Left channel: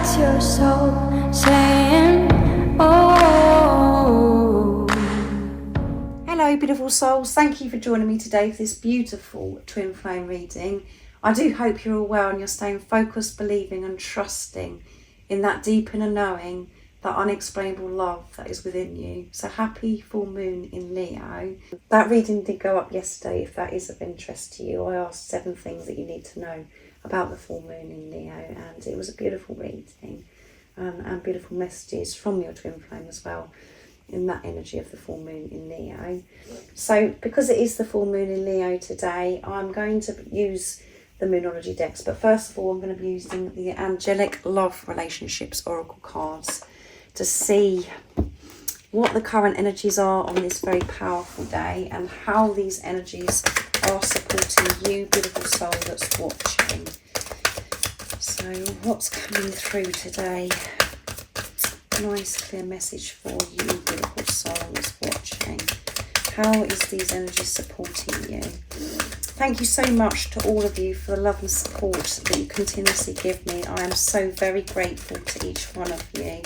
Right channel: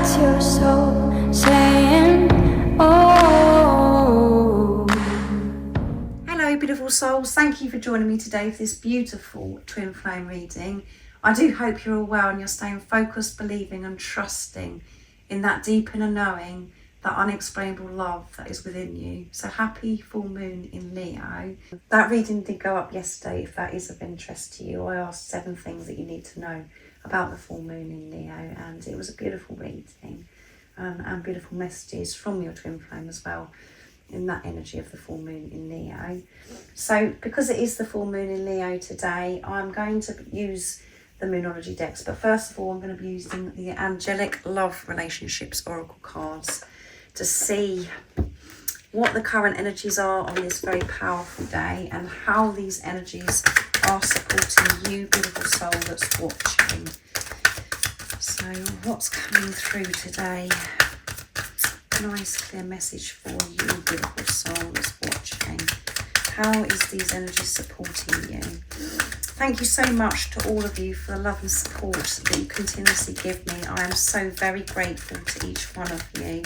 That's your soul saying, oh. Hello beautiful souls, thank you for joining me today for this beautiful twin flame reading. I do hope you're all well and you're staying focused, believing and trusting in that deep inner knowing, that unexplainable love that is within you. So happy full moon in Leo. That reading did go up yesterday. If that is of interest to you, I asked 7 things that you need to know about the full moon in Leo, and it was a beautiful reading and beautiful messages from your twin flame as well in that energy of the full moon in Leo. So because it is the full moon in Leo today, I'm going to use the Moonology decks, but first of all I'm going to be using the Angelic Love Relationships Oracle cards to see what the current energies are on this very powerful day and how these energies are supporting you, beautiful soul that's watching. So what's coming through today? A nice clear message for you, beautiful soul that's watching. How is these energies supporting you? Thank you so much to all of you for the love and support that you continuously give me. I am so very grateful to each one of you.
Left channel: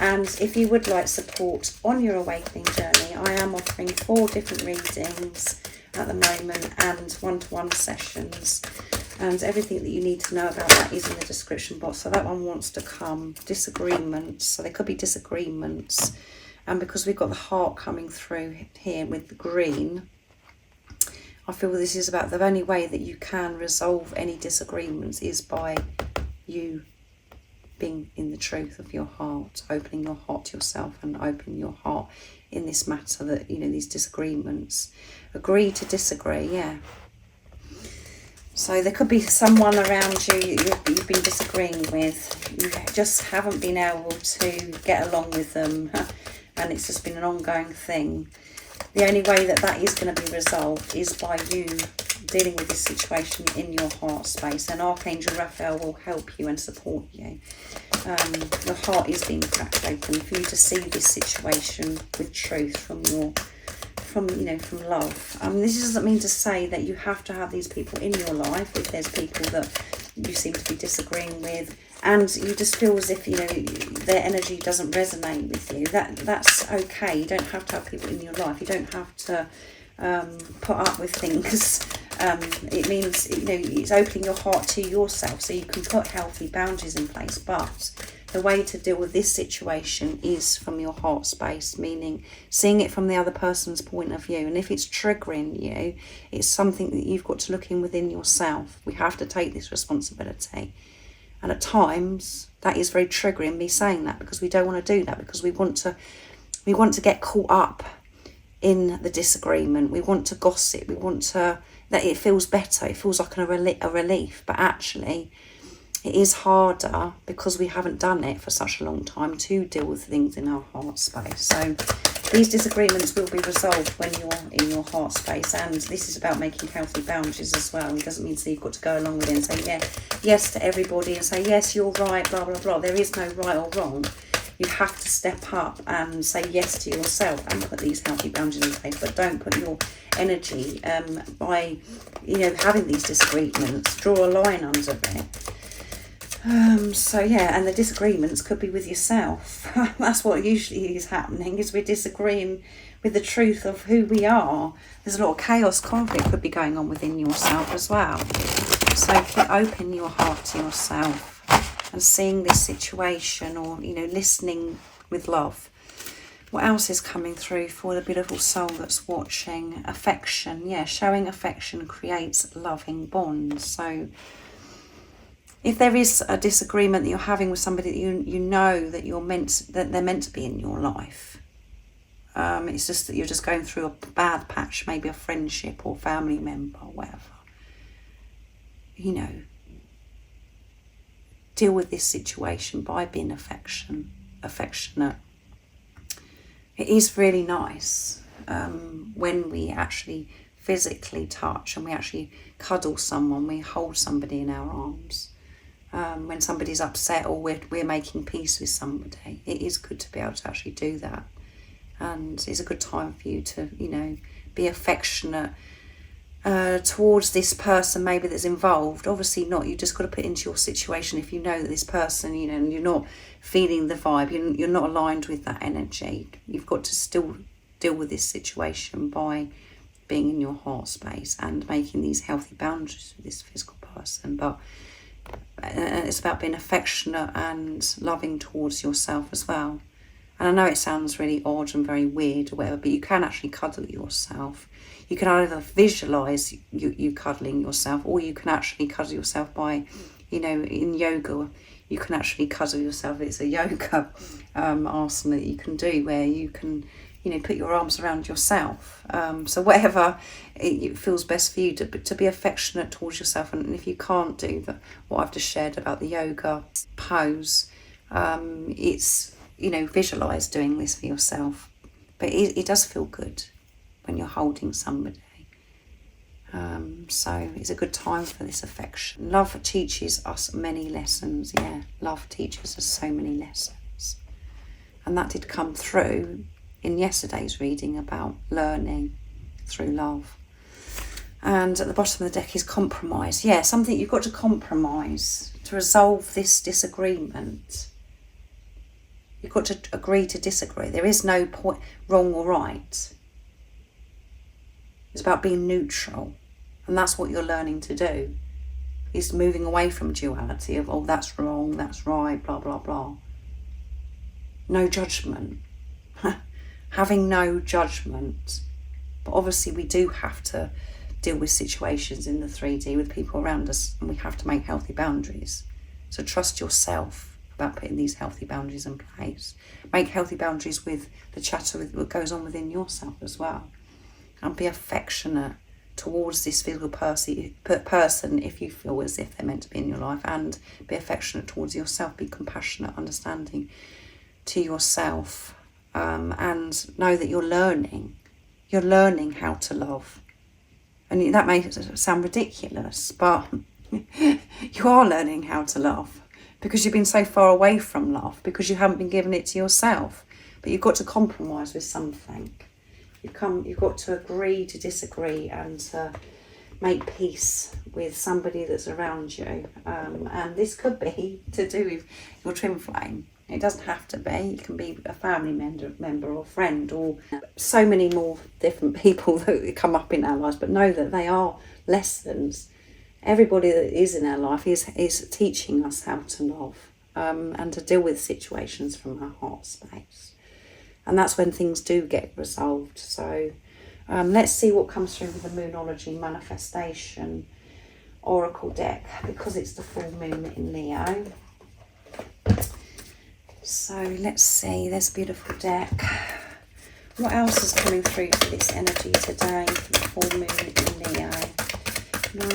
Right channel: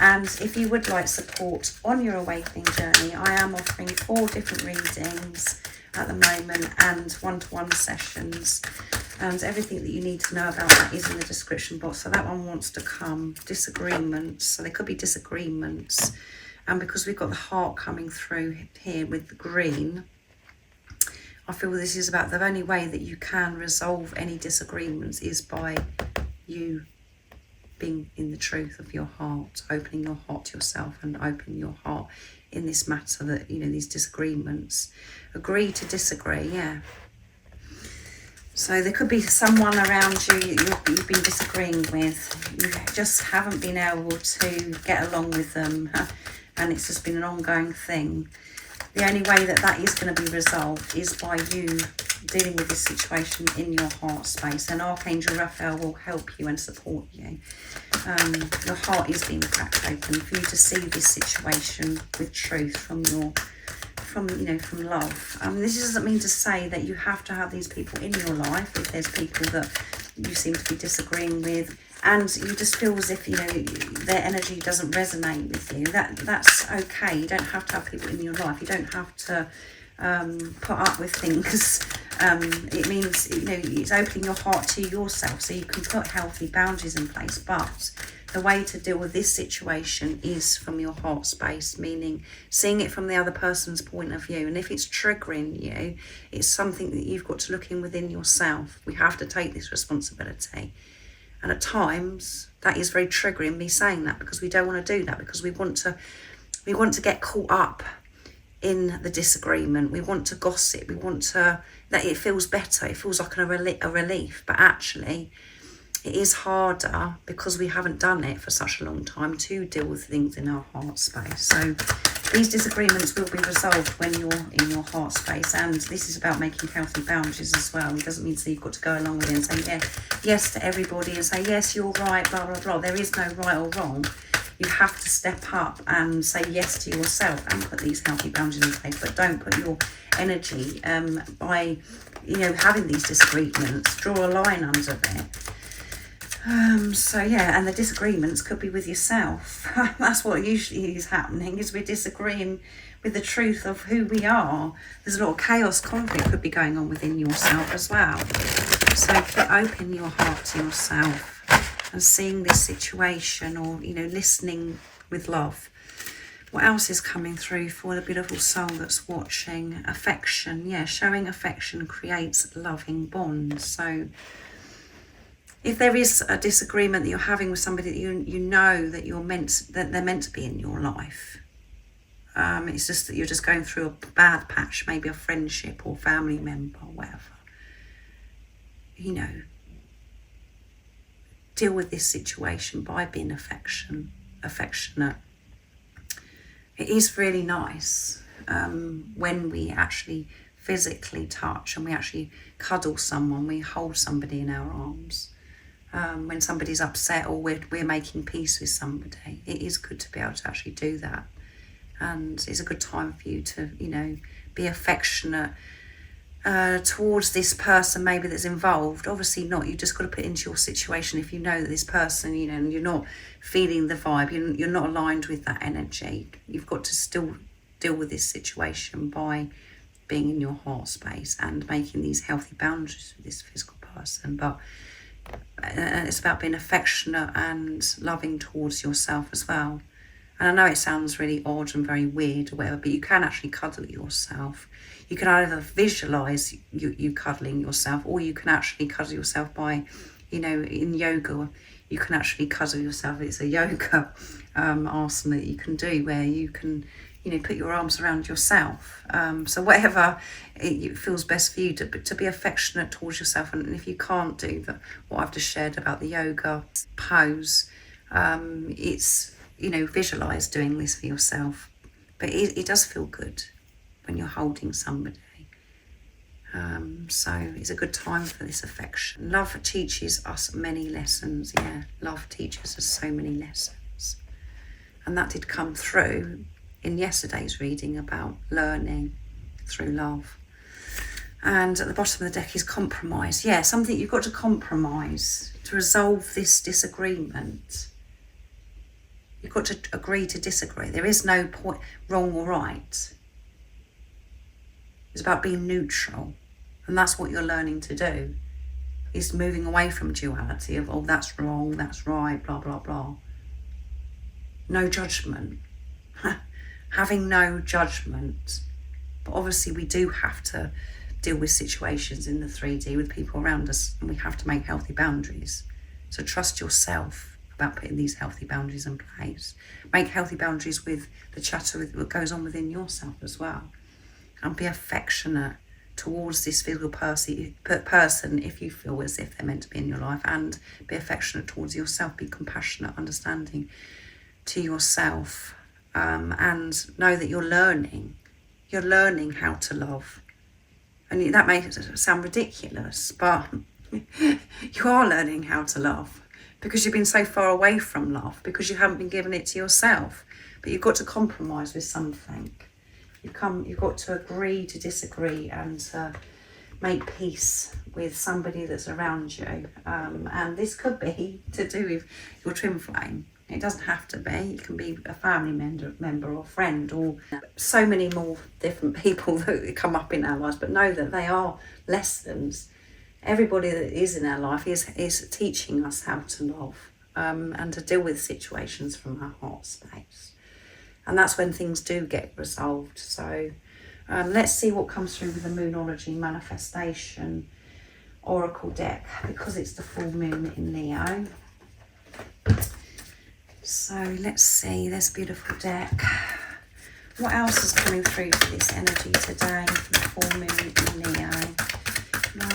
And if you would like support on your awakening journey, I am offering 4 different readings at the moment and one-to-one sessions. And everything that you need to know about that is in the description box. So that one wants to come. Disagreements. So there could be disagreements. And because we've got the heart coming through here with the green, I feel this is about the only way that you can resolve any disagreements is by you being in the truth of your heart, opening your heart to yourself and opening your heart in this matter that, you know, these disagreements. Agree to disagree, yeah. So there could be someone around you you've been disagreeing with. You just haven't been able to get along with them and it's just been an ongoing thing. The only way that that is going to be resolved is by you dealing with this situation in your heart space, and Archangel Raphael will help you and support you. Your heart is being cracked open for you to see this situation with truth from love. This doesn't mean to say that you have to have these people in your life if there's people that you seem to be disagreeing with and you just feel as if, you know, their energy doesn't resonate with you. That's okay. You don't have to have people in your life. You don't have to put up with things. It means, you know, it's opening your heart to yourself so you can put healthy boundaries in place. But the way to deal with this situation is from your heart space, meaning seeing it from the other person's point of view. And if it's triggering you, it's something that you've got to look in within yourself. We have to take this responsibility. And at times that is very triggering, me saying that, because we don't want to do that, because we want to get caught up in the disagreement. We want to gossip. We want to that it feels better. It feels like a relief, but actually it is harder because we haven't done it for such a long time to deal with things in our heart space. So these disagreements will be resolved when you're in your heart space, and this is about making healthy boundaries as well. It doesn't mean that you've got to go along with it and say yes to everybody and say yes, you're right, blah blah blah. There is no right or wrong. You have to step up and say yes to yourself and put these healthy boundaries in place, but don't put your energy by, you know, having these disagreements. Draw a line under it. So yeah, and the disagreements could be with yourself. That's what usually is happening, is we're disagreeing with the truth of who we are. There's a lot of chaos, conflict could be going on within yourself as well. So open your heart to yourself and seeing this situation, or, you know, listening with love. What else is coming through for the beautiful soul that's watching? Affection. Yeah, showing affection creates loving bonds. So if there is a disagreement that you're having with somebody that you know that they're meant to be in your life, it's just that you're just going through a bad patch, maybe a friendship or family member or whatever, you know, deal with this situation by being affectionate. It is really nice when we actually physically touch and we actually cuddle someone, we hold somebody in our arms. When somebody's upset or we're making peace with somebody, it is good to be able to actually do that. And it's a good time for you to, you know, be affectionate towards this person maybe that's involved. Obviously not. You just got to put it into your situation. If you know that this person, you know, and you're not feeling the vibe, you're not aligned with that energy, you've got to still deal with this situation by being in your heart space and making these healthy boundaries with this physical person. But it's about being affectionate and loving towards yourself as well. And I know it sounds really odd and very weird or whatever, but you can actually cuddle yourself. You can either visualise you cuddling yourself, or you can actually cuddle yourself by, you know, in yoga, you can actually cuddle yourself. It's a yoga asana that you can do where you can, you know, put your arms around yourself. So whatever it feels best for you, to be affectionate towards yourself. And if you can't do what I've just shared about the yoga pose, it's, you know, visualise doing this for yourself. But it does feel good when you're holding somebody. So it's a good time for this affection. Love teaches us many lessons. Yeah, love teaches us so many lessons. And that did come through in yesterday's reading about learning through love. And at the bottom of the deck is compromise. Yeah, something you've got to compromise to resolve this disagreement. You've got to agree to disagree. There is no point wrong or right. It's about being neutral. And that's what you're learning to do. Is moving away from duality of, oh, that's wrong, that's right, blah, blah, blah. No judgment. Having no judgment. But obviously we do have to deal with situations in the 3D with people around us, and we have to make healthy boundaries. So trust yourself about putting these healthy boundaries in place. Make healthy boundaries with the chatter that goes on within yourself as well. And be affectionate towards this physical person if you feel as if they're meant to be in your life, and be affectionate towards yourself. Be compassionate, understanding to yourself, and know that you're learning how to love. And that may sound ridiculous, but you are learning how to love, because you've been so far away from love, because you haven't been giving it to yourself. But you've got to compromise with something. You've got to agree to disagree and to make peace with somebody that's around you. And this could be to do with your twin flame. It doesn't have to be. It can be a family member or friend, or so many more different people that come up in our lives. But know that they are lessons. Everybody that is in our life is teaching us how to love, and to deal with situations from our heart space. And that's when things do get resolved. So let's see what comes through with the Moonology Manifestation Oracle deck, because it's the full moon in Leo. So let's see, there's a beautiful deck. What else is coming through for this energy today for the full moon in Leo?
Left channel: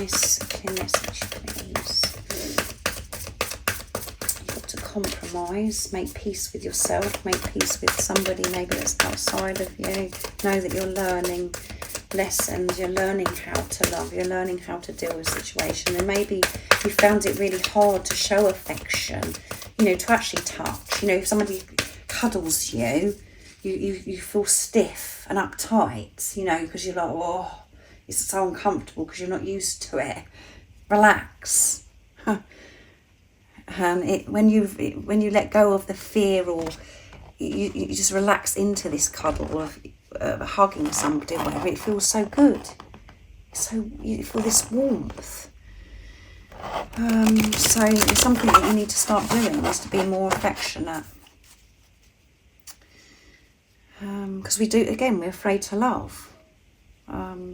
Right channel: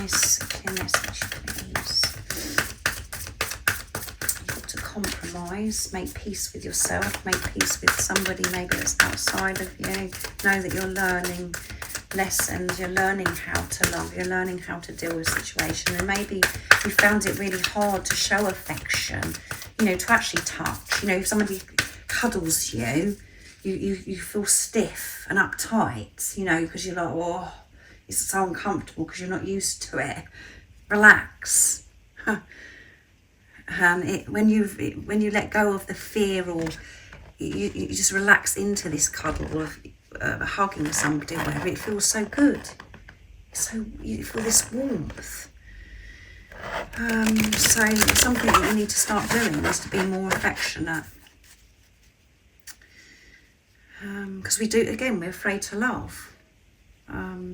Nice clear message, please. Compromise, make peace with yourself, make peace with somebody maybe that's outside of you. Know that you're learning lessons, you're learning how to love, you're learning how to deal with situations. And maybe you found it really hard to show affection, you know, to actually touch. You know, if somebody cuddles you, you feel stiff and uptight, you know, because you're like, oh, it's so uncomfortable because you're not used to it. Relax. And when you let go of the fear, or you just relax into this cuddle of hugging somebody or whatever, it feels so good. So you feel this warmth. So it's something that you need to start doing, is to be more affectionate. Because we're afraid to love.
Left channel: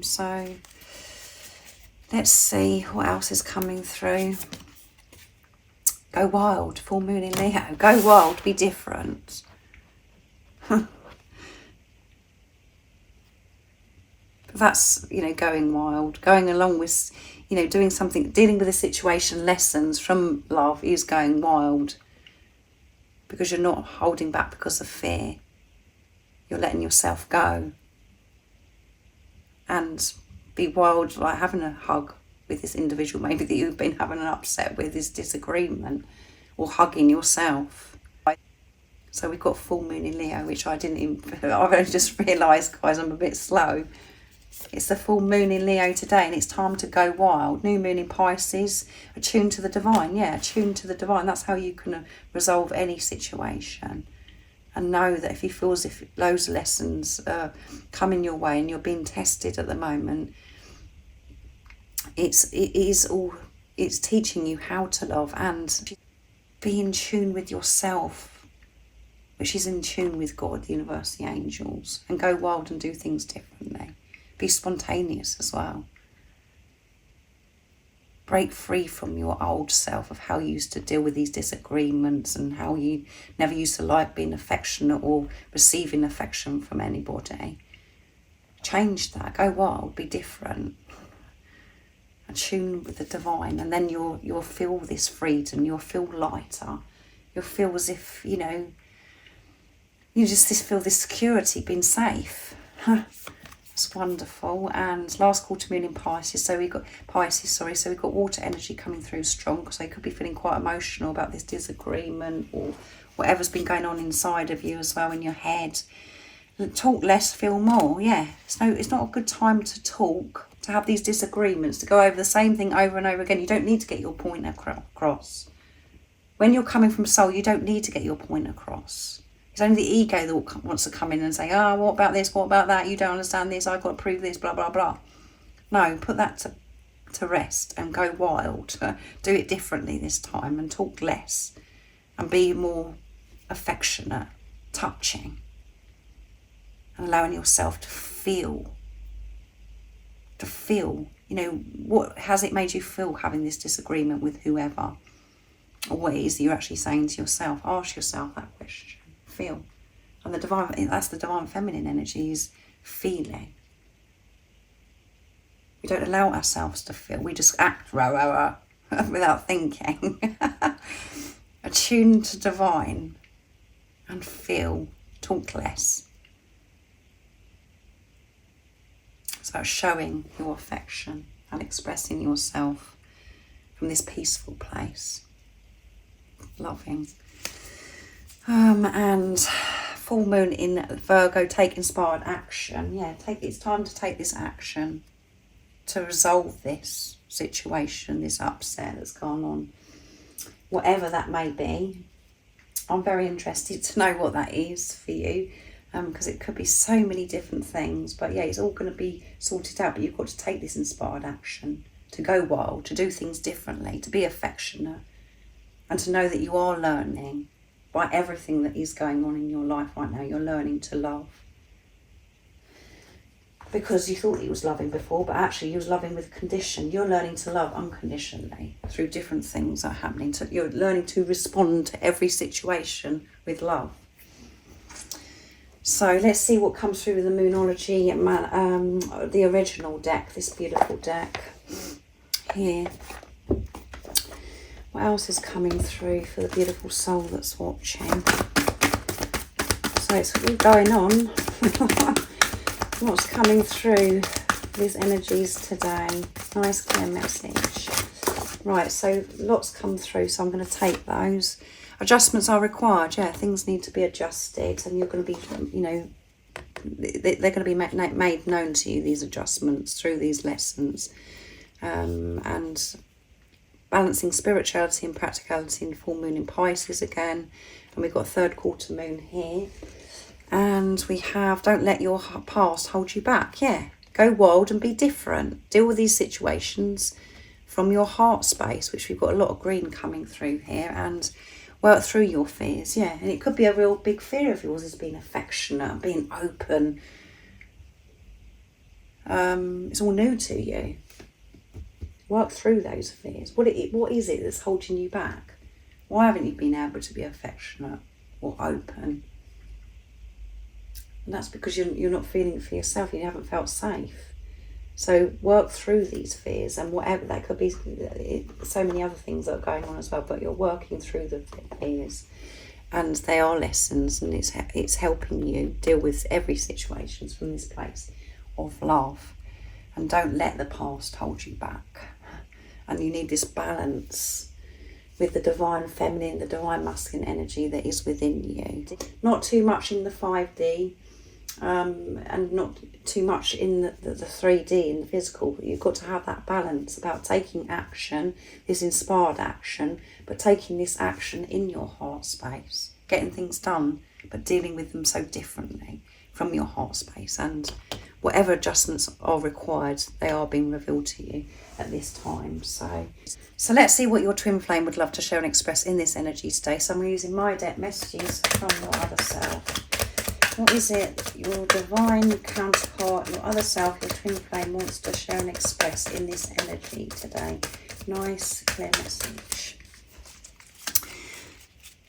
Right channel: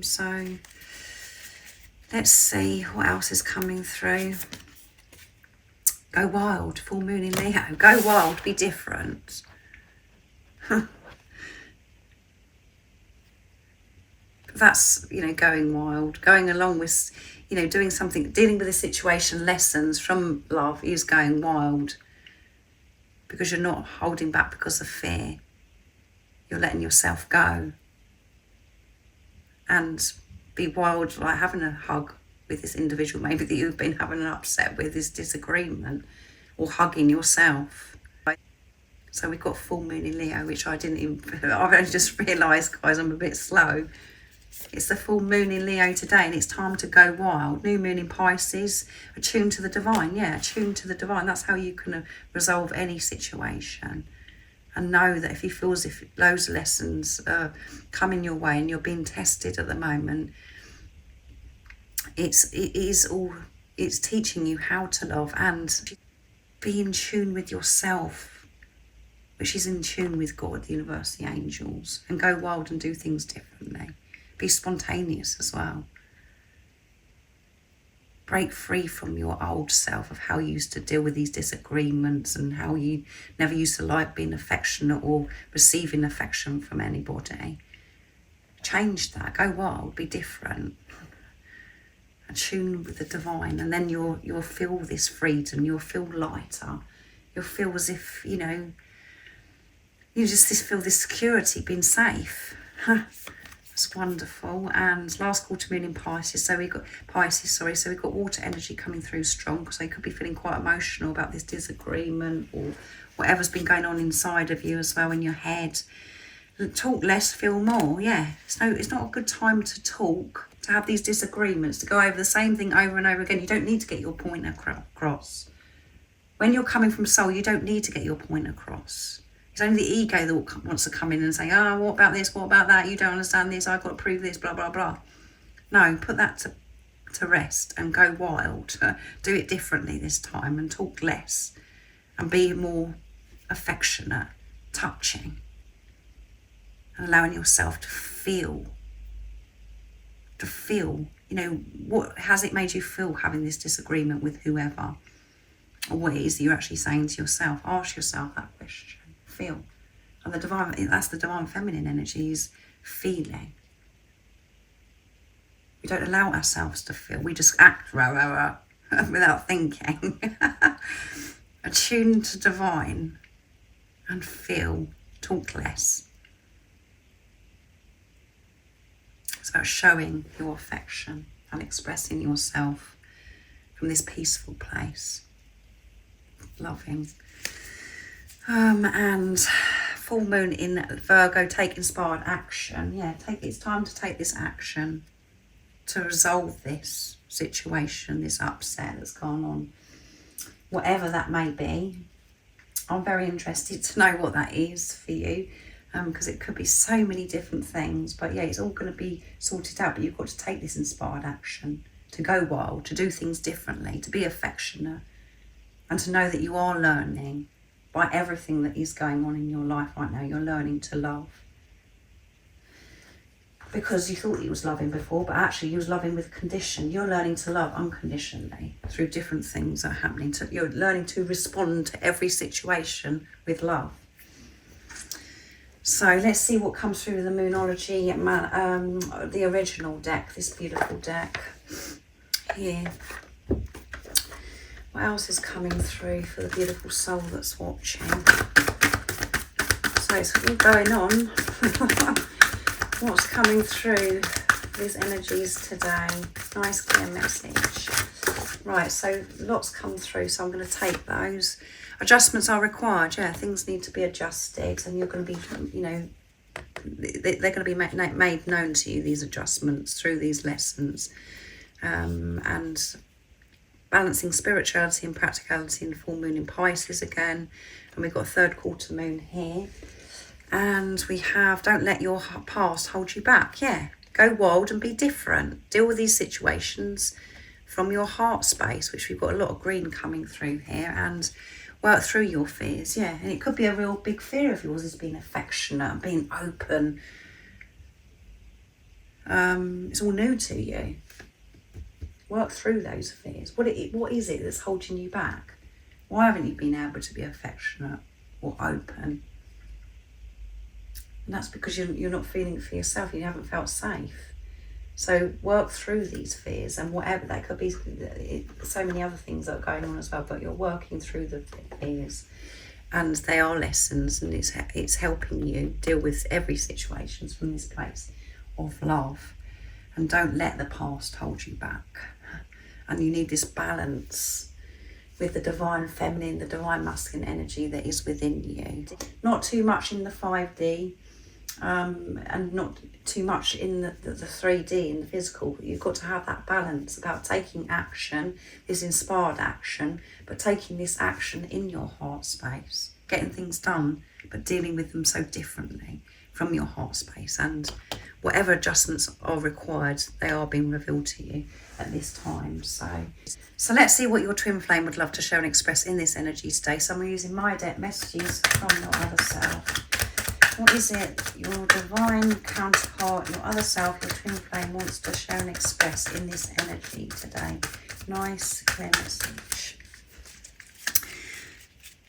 So let's see what else is coming through. Go wild, full moon in Leo. Go wild, be different. That's, you know, going wild. Going along with, you know, doing something, dealing with a situation, lessons from love is going wild. Because you're not holding back because of fear. You're letting yourself go. And be wild, like having a hug with this individual maybe that you've been having an upset with, this disagreement, or hugging yourself. So we've got full moon in Leo, which I only just realised, guys, I'm a bit slow. It's the full moon in Leo today, and it's time to go wild. New moon in Pisces, attuned to the divine. Yeah, attuned to the divine. That's how you can resolve any situation. And know that if you feel as if those lessons are coming your way and you're being tested at the moment, it's teaching you how to love and be in tune with yourself, which is in tune with God, the universe, the angels, and go wild and do things differently. Be spontaneous as well. Break free from your old self of how you used to deal with these disagreements and how you never used to like being affectionate or receiving affection from anybody. Change that. Go wild. Be different. Attune with the divine, and then you'll feel this freedom. You'll feel lighter. You'll feel as if, you just feel this security, being safe. It's wonderful. And last quarter moon in Pisces, so we got water energy coming through strong, so you could be feeling quite emotional about this disagreement or whatever's been going on inside of you as well, in your head. Talk less, feel more. Yeah, it's not a good time to talk, to have these disagreements, to go over the same thing over and over again. You don't need to get your point across. When you're coming from soul, you don't need to get your point across. It's only the ego that wants to come in and say, oh, what about this, what about that, you don't understand this, I've got to prove this, blah, blah, blah. No, put that to rest and go wild. Do it differently this time and talk less and be more affectionate, touching, and allowing yourself to feel, what has it made you feel having this disagreement with whoever, or what it is that you're actually saying to yourself. Ask yourself that question. Feel. And that's the divine feminine energy, is feeling. We don't allow ourselves to feel. We just act without thinking. Attune to divine and feel. Talk less. It's about showing your affection and expressing yourself from this peaceful place. Loving. And full moon in Virgo, take inspired action. Yeah, it's time to take this action to resolve this situation, this upset that's gone on, whatever that may be. I'm very interested to know what that is for you, because it could be so many different things. But yeah, it's all going to be sorted out, but you've got to take this inspired action to go wild, to do things differently, to be affectionate, and to know that you are learning. By everything that is going on in your life right now, you're learning to love. Because you thought you was loving before, but actually you was loving with condition. You're learning to love unconditionally through different things that are happening. You're learning to respond to every situation with love. So let's see what comes through with the Moonology, the original deck, this beautiful deck here. What else is coming through for the beautiful soul that's watching? So it's all going on. What's coming through these energies today? Nice clear message. Right, so lots come through, so I'm going to take those. Adjustments are required. Yeah, things need to be adjusted, and you're going to be, they're going to be made known to you, these adjustments, through these lessons. And balancing spirituality and practicality in full moon in Pisces again. And we've got third quarter moon here. And we have, don't let your past hold you back. Yeah, go wild and be different. Deal with these situations from your heart space, which we've got a lot of green coming through here. And work through your fears. Yeah, and it could be a real big fear of yours, is being affectionate, being open. It's all new to you. Work through those fears. What is it that's holding you back? Why haven't you been able to be affectionate or open? And that's because you're not feeling it for yourself. You haven't felt safe. So work through these fears, and whatever that could be, so many other things that are going on as well. But you're working through the fears, and they are lessons, and it's helping you deal with every situation from this place of love. And don't let the past hold you back. And you need this balance with the divine feminine, the divine masculine energy that is within you. Not too much in the 5D. and not too much in the 3D, in the physical. You've got to have that balance about taking action, this inspired action, but taking this action in your heart space, getting things done, but dealing with them so differently from your heart space. And whatever adjustments are required, they are being revealed to you at this time. So let's see what your twin flame would love to share and express in this energy today. So I'm using my deck messages from your other self. What is it your divine counterpart, your other self, your twin flame wants to share and express in this energy today? Nice, clear message.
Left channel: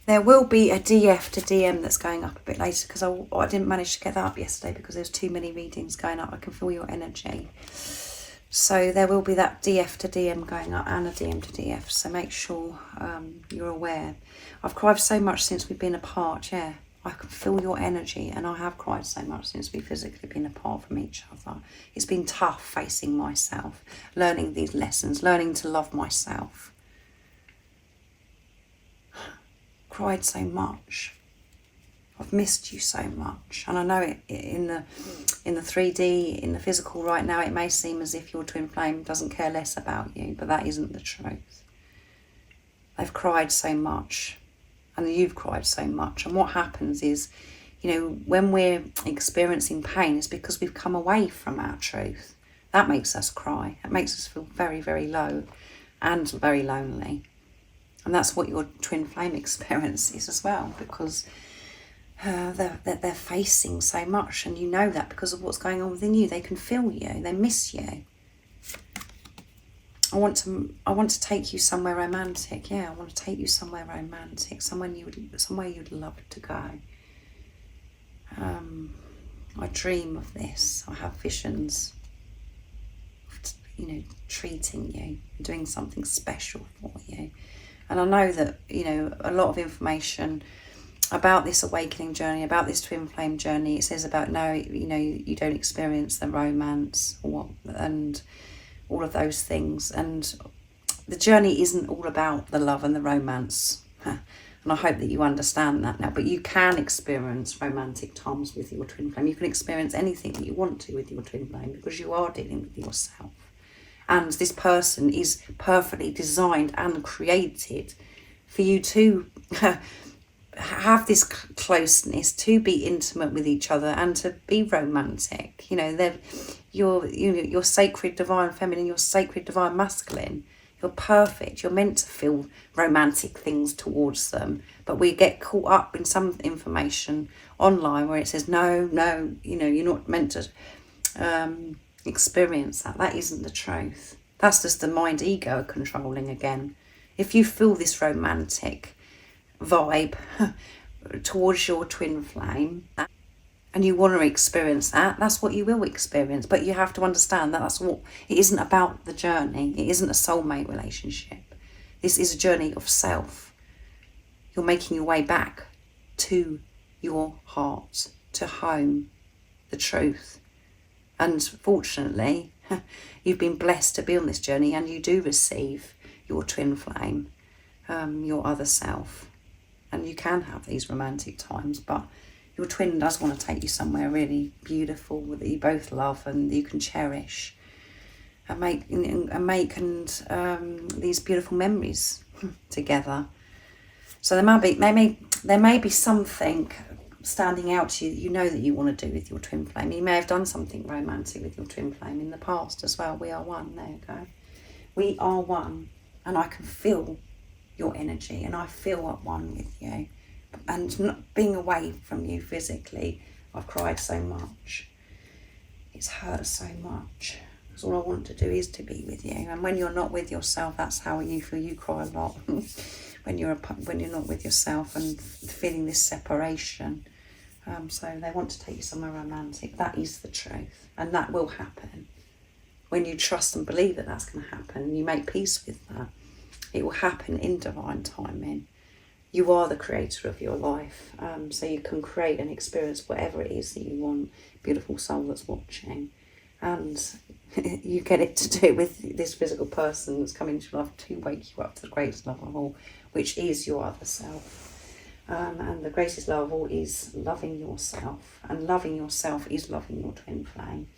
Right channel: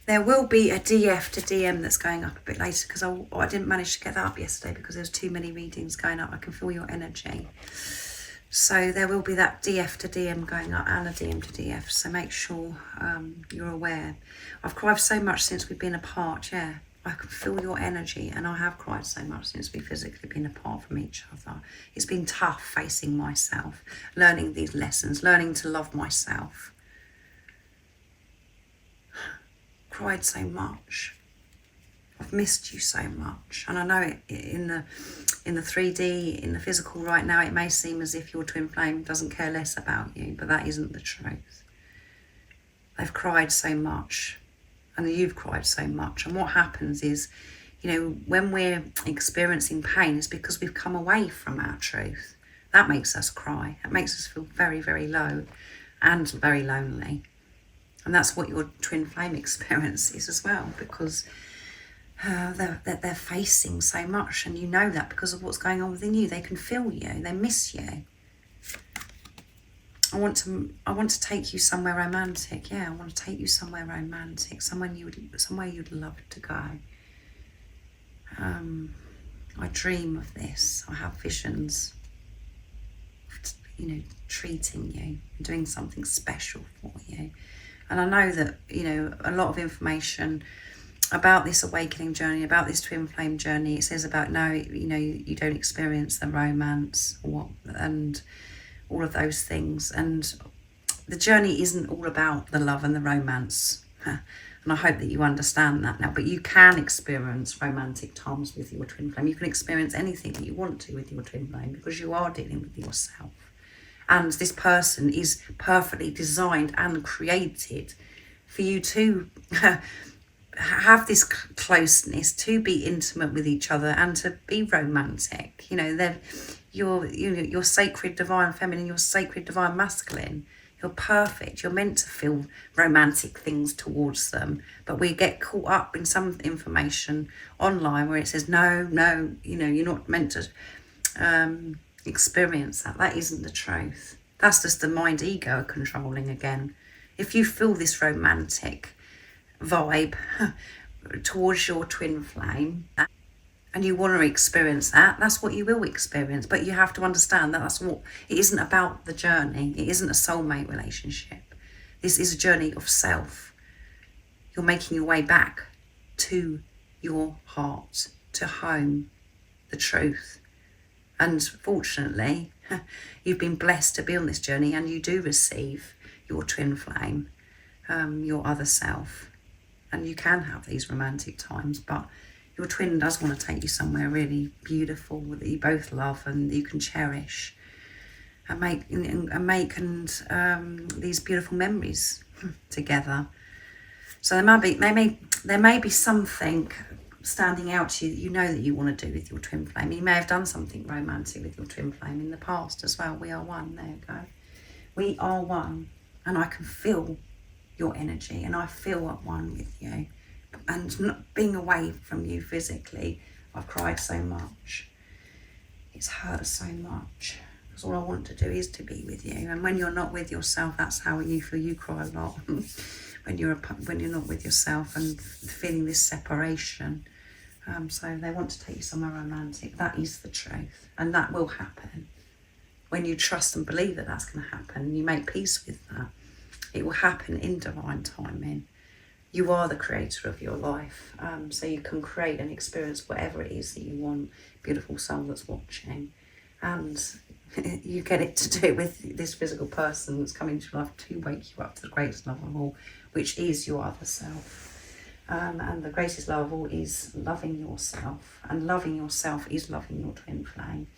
There will be a DF to DM that's going up a bit later, because I didn't manage to get that up yesterday because there's too many readings going up. I can feel your energy. So there will be that DF to DM going up and a DM to DF. So make sure you're aware. I've cried so much since we've been apart, yeah. I can feel your energy, and I have cried so much since we've physically been apart from each other. It's been tough facing myself, learning these lessons, learning to love myself. Cried so much. I've missed you so much, and I know it in the 3D, in the physical right now, it may seem as if your twin flame doesn't care less about you, but that isn't the truth. They've cried so much, and you've cried so much, and what happens is, you know, when we're experiencing pain, it's because we've come away from our truth. That makes us cry. It makes us feel very, very low and very lonely. And that's what your twin flame experience is as well, because they're facing so much, and you know that because of what's going on within you. They can feel you. They miss you. I want to take you somewhere romantic. Yeah, I want to take you somewhere romantic, somewhere you'd love to go. I dream of this. I have visions of, you know, treating you, doing something special for you. And I know that, you know, a lot of information about this awakening journey, about this twin flame journey, it says about, no, you know, you don't experience the romance and all of those things. And the journey isn't all about the love and the romance. And I hope that you understand that now. But you can experience romantic times with your twin flame. You can experience anything that you want to with your twin flame, because you are dealing with yourself. And this person is perfectly designed and created for you to have this closeness, to be intimate with each other, and to be romantic. You know, you're sacred divine feminine, you're sacred divine masculine. You're perfect. You're meant to feel romantic things towards them. But we get caught up in some information online where it says, no, you know, you're not meant to experience that. That isn't the truth. That's just the mind ego controlling again. If you feel this romantic vibe towards your twin flame and you want to experience that, that's what you will experience. But you have to understand that that's what it isn't about. The journey, it isn't a soulmate relationship. This is a journey of self. You're making your way back to your heart, to home, the truth. And fortunately, you've been blessed to be on this journey, and you do receive your twin flame, your other self. And you can have these romantic times, but your twin does want to take you somewhere really beautiful that you both love and you can cherish and make these beautiful memories together. So there may be something standing out to you that you know that you want to do with your twin flame. You may have done something romantic with your twin flame in the past as well. We are one. There you go. We are one, and I can feel your energy, and I feel at one with you. And not being away from you physically, I've cried so much. It's hurt so much. Because all I want to do is to be with you. And when you're not with yourself, that's how you feel. You cry a lot when you're not with yourself and feeling this separation. So they want to take you somewhere romantic. That is the truth, and that will happen. When you trust and believe that that's going to happen, you make peace with that. It will happen in divine timing. You are the creator of your life, so you can create and experience whatever it is that you want. Beautiful soul that's watching, and you get it to do it with this physical person that's coming to life to wake you up to the greatest love of all, which is your other self. And the greatest love of all is loving yourself. And loving yourself is loving your twin flame.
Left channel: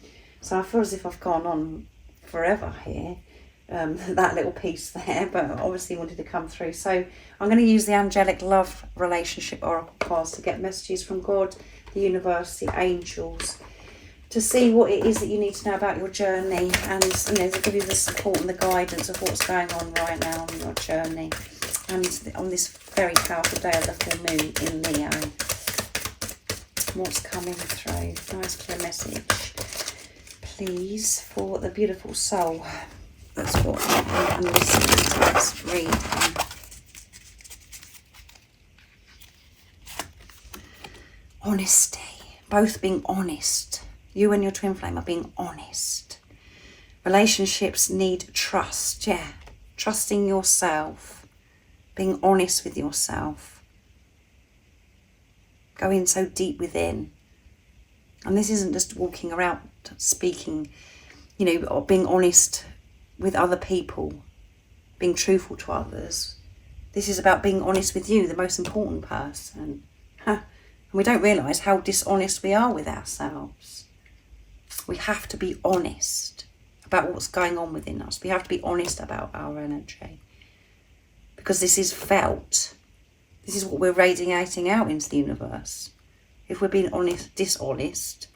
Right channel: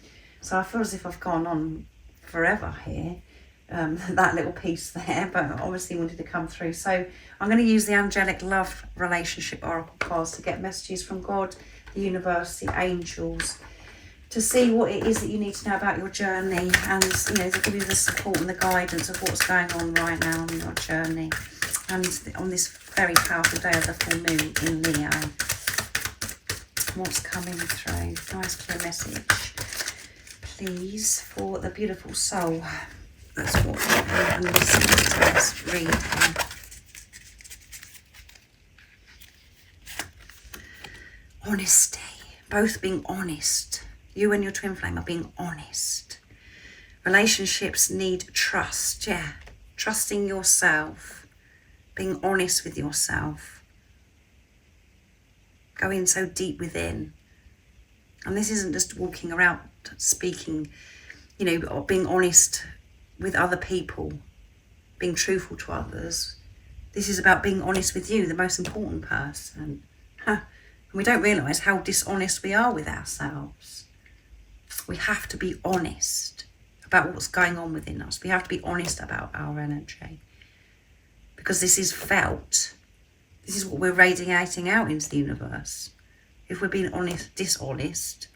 So I feel as if I've gone on forever here. That little piece there, but obviously wanted to come through. So I'm going to use the angelic love relationship oracle cards to get messages from God, the universe, the angels, to see what it is that you need to know about your journey, and to give you the support and the guidance of what's going on right now on your journey, and on this very powerful day of the full moon in Leo. What's coming through? Nice clear message, please, for the beautiful soul. That's what I'm listening to this reading. Honesty. Both being honest. You and your twin flame are being honest. Relationships need trust. Yeah. Trusting yourself. Being honest with yourself. Going so deep within. And this isn't just walking around speaking, or being honest with other people, being truthful to others. This is about being honest with you, the most important person. And we don't realise how dishonest we are with ourselves. We have to be honest about what's going on within us. We have to be honest about our energy, because this is felt. This is what we're radiating out into the universe. If we're being dishonest,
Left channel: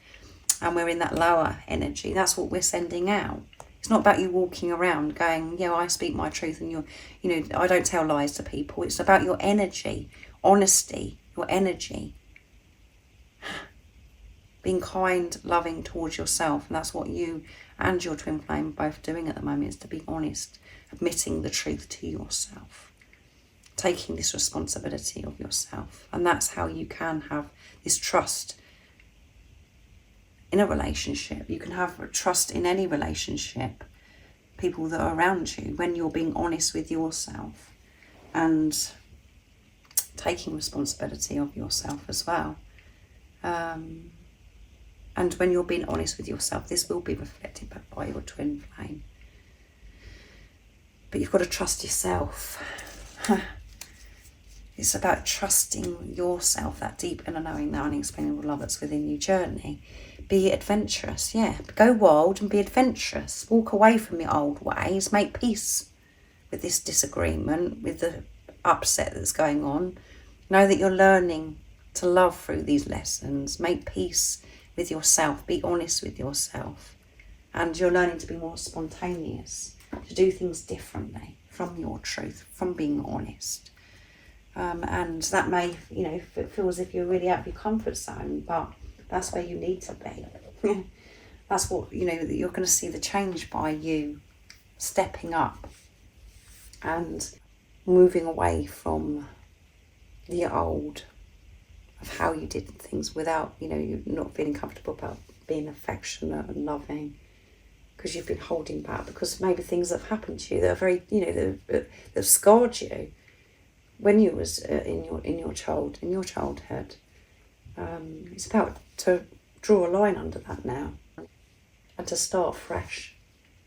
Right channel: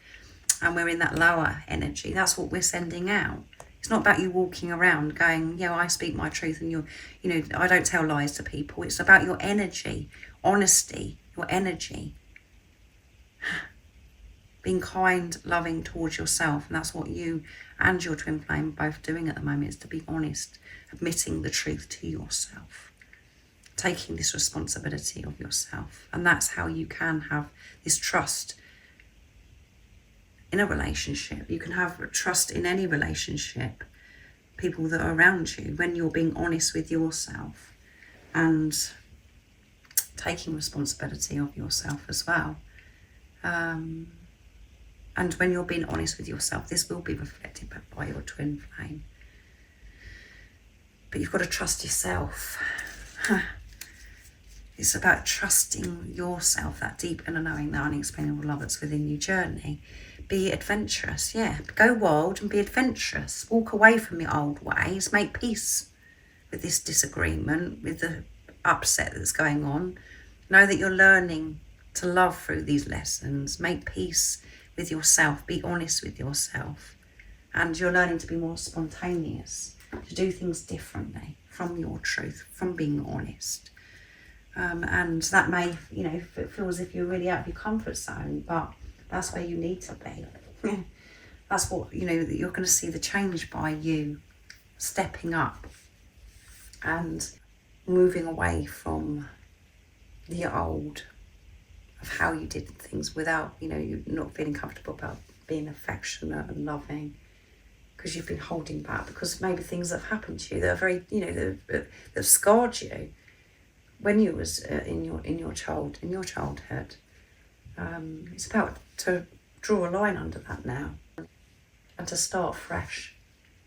and we're in that lower energy, that's what we're sending out. It's not about you walking around going, yeah, I speak my truth and I don't tell lies to people. It's about your energy, honesty, your energy. Being kind, loving towards yourself. And that's what you and your twin flame are both doing at the moment, is to be honest, admitting the truth to yourself, taking this responsibility of yourself. And that's how you can have this trust in a relationship. You can have trust in any relationship, people that are around you, when you're being honest with yourself and taking responsibility of yourself as well. And when you're being honest with yourself, this will be reflected by your twin flame. But you've got to trust yourself. It's about trusting yourself, that deep inner knowing, that unexplainable love that's within you journey. Be adventurous, yeah. Go wild and be adventurous. Walk away from your old ways. Make peace with this disagreement, with the upset that's going on. Know that you're learning to love through these lessons. Make peace with yourself. Be honest with yourself. And you're learning to be more spontaneous, to do things differently from your truth, from being honest. And that may, feel as if you're really out of your comfort zone, but that's where you need to be. That's what, you're going to see the change by you stepping up and moving away from the old of how you did things without, you're not feeling comfortable about being affectionate and loving, because you've been holding back, because maybe things that have happened to you that are very, that scarred you when you was in your childhood. It's about to draw a line under that now and to start fresh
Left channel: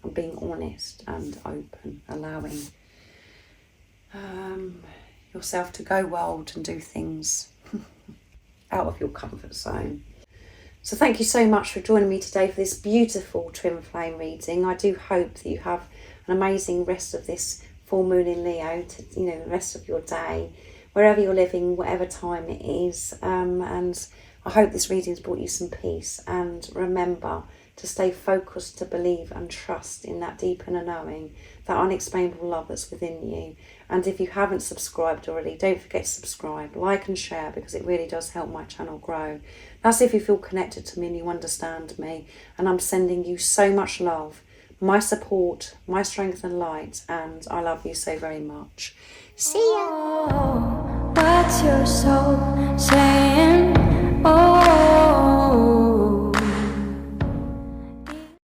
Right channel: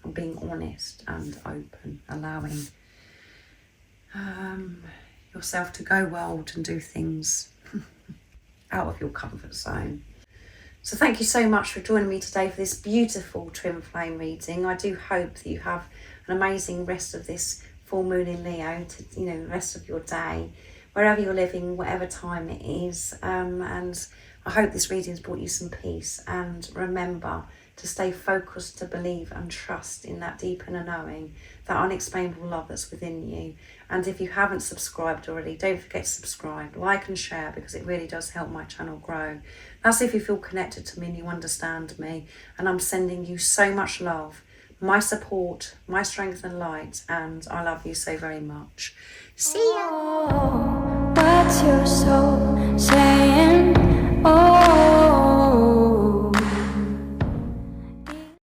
and being honest and open, allowing yourself to go wild and do things out of your comfort zone. So thank you so much for joining me today for this beautiful twin flame reading. I do hope that you have an amazing rest of this full moon in Leo, the rest of your day, wherever you're living, whatever time it is. And I hope this reading has brought you some peace. And remember to stay focused, to believe and trust in that deep inner knowing, that unexplainable love that's within you. And if you haven't subscribed already, don't forget to subscribe, like and share, because it really does help my channel grow. That's if you feel connected to me and you understand me. And I'm sending you so much love, my support, my strength and light, and I love you so very much. See ya! Oh, what's your soul saying? Oh,